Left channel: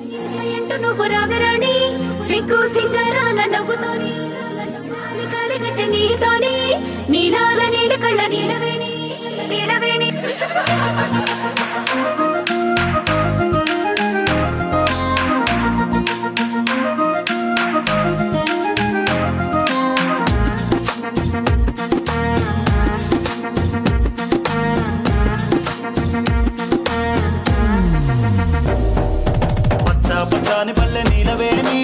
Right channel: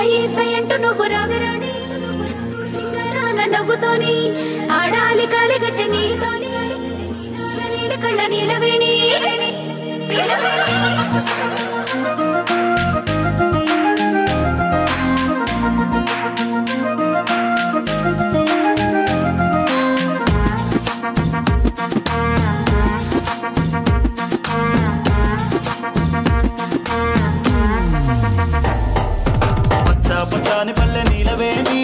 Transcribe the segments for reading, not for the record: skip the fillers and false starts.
సై సయంటూ నువ్వు రాగరాణి సిగ్గు సింగారాల నవ్వుతోని ఆడాలి కాలిగచ్చ నీతోని నీలాల నీల కళ్ళ నీలవేణి పచ్చాని పల్లె నీలవేణి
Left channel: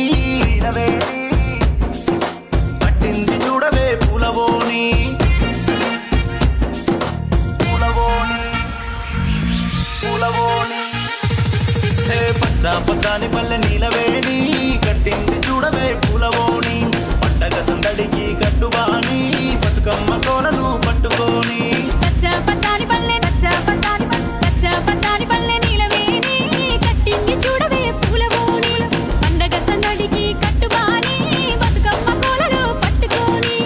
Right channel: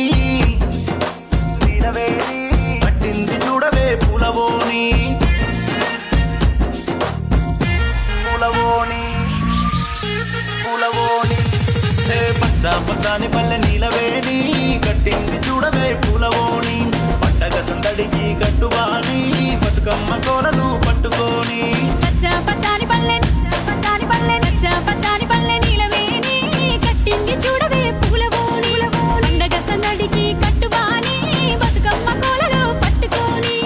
పట్టింది చూడవే పూలవోని పచ్చాని పల్లె నీలవేణి కట్టింది చూడవే పూలవోని పండగ సందడికి కట్టుబాని బతుకమ్మ కోలను పట్టుకోని పచ్చాని పల్లె నీలవేణి కట్టింది చూడవే పూలవోని పండగ సందడికి కట్టుబాని బతుకమ్మ కోలను పట్టుకోని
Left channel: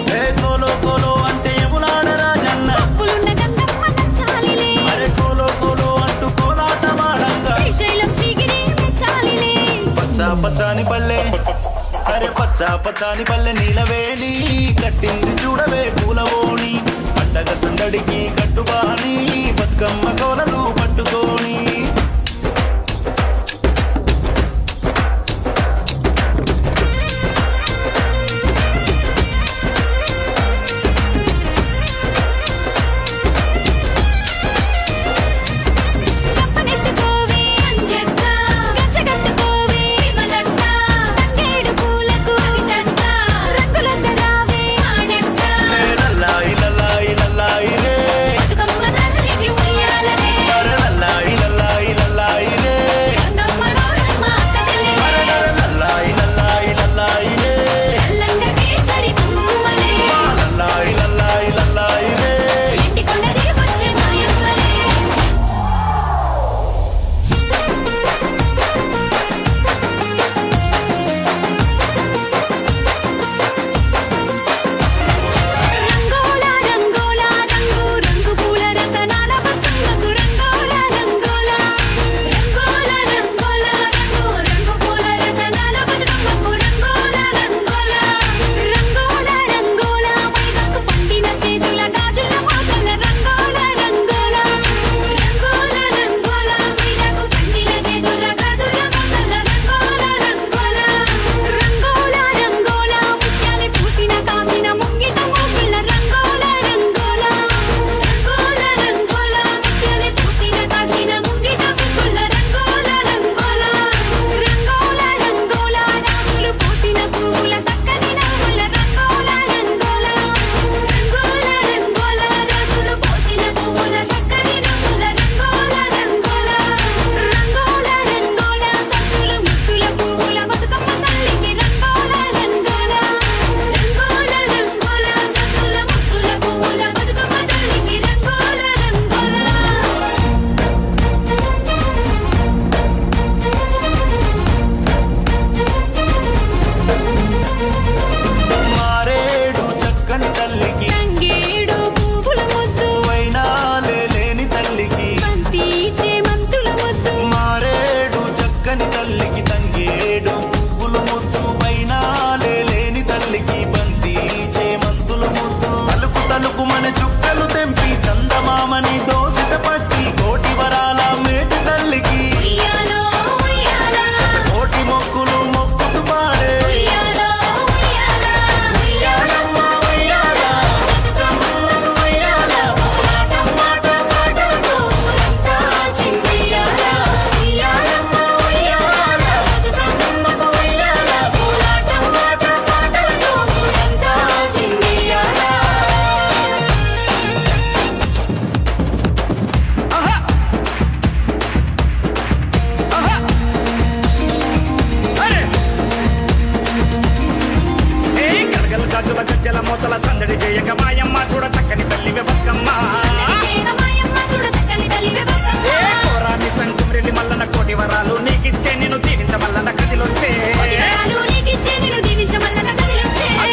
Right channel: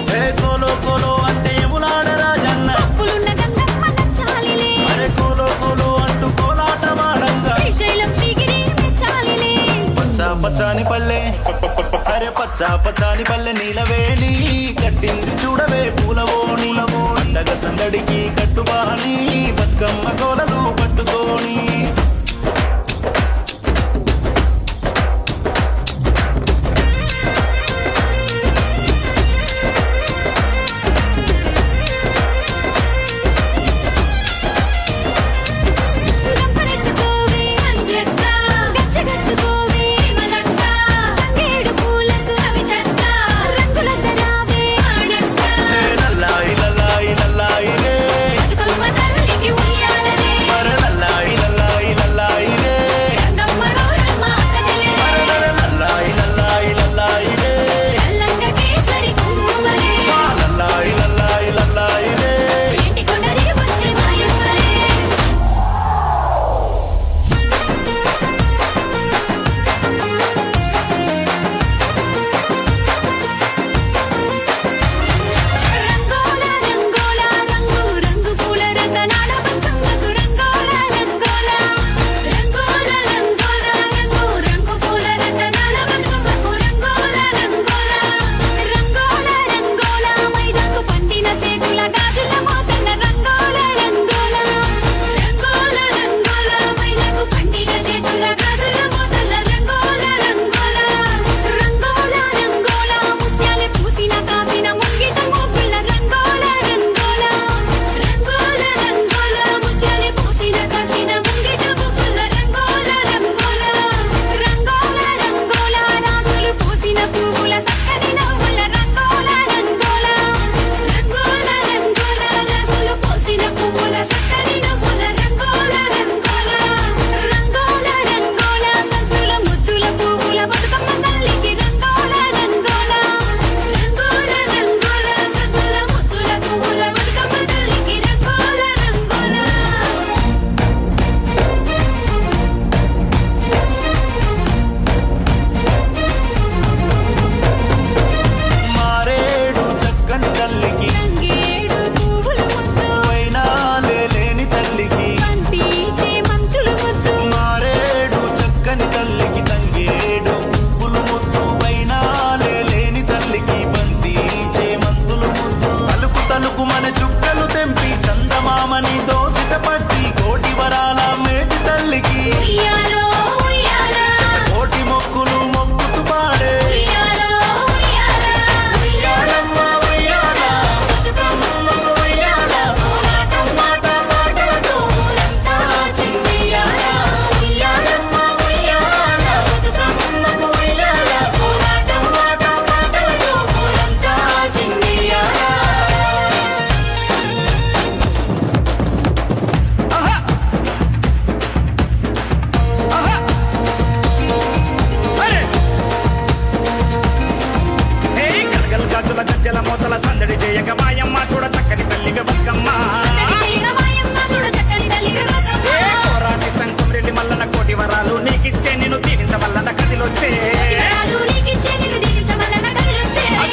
కోలో కోలో అంటే ఎములాడ రాజన్న పులున్న గంగమ్మ నచ్చాలిలే అరే కోలో కోలో అంటూ కోలాటమాడంగా శ్రీశైలం సిగిరి మెచ్చాలిలే పచ్చాని పల్లె అరే పచ్చాని పల్లె నీలవేణి కట్టింది చూడవే పూలవోని పండగ సందడికి కట్టుబాని బతుకమ్మ కోలను పట్టుకోని తల్లికి తంగేడు పువ్వులు ముద్దు వైనాలే లేని తల్లికి బంతి చేమంతులు ముద్దు తలుకు తలుకు మన చుక్కలు తెంపి చందమామని దోసిట పట్టి కోటి వరాల మేటి తల్లికి కోటి మొక్కులు మొక్కుతూ పాడే గజ్జల మూతల సందడి జయంగా మాయమ్మ చూడ చక్కని తల్లివే బతుకమ్మ కోరాని సంకుమ్రెల్లి మల్లన్న కోటి వరాలు నీకిచ్చే నిన్ను దీవించమల్లన్న కదిలొచ్చే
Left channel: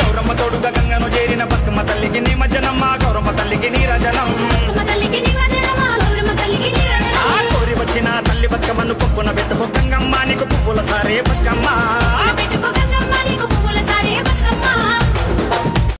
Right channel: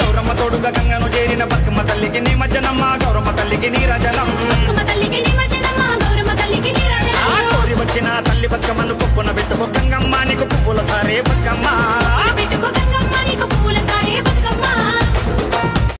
గౌరమ్మ తోడుగా గంగను చేరిన బతుకమ్మ తల్లికి నీ మజ్జనమ్మ గౌరమ్మ తల్లికి నీ రజనం కోరి వచ్చిన తల్లి బతుకమ్మను కొప్పున పెట్టుకో గంగమ్మ నీకు పువ్వు పువ్వుల సారే బతుకమ్మ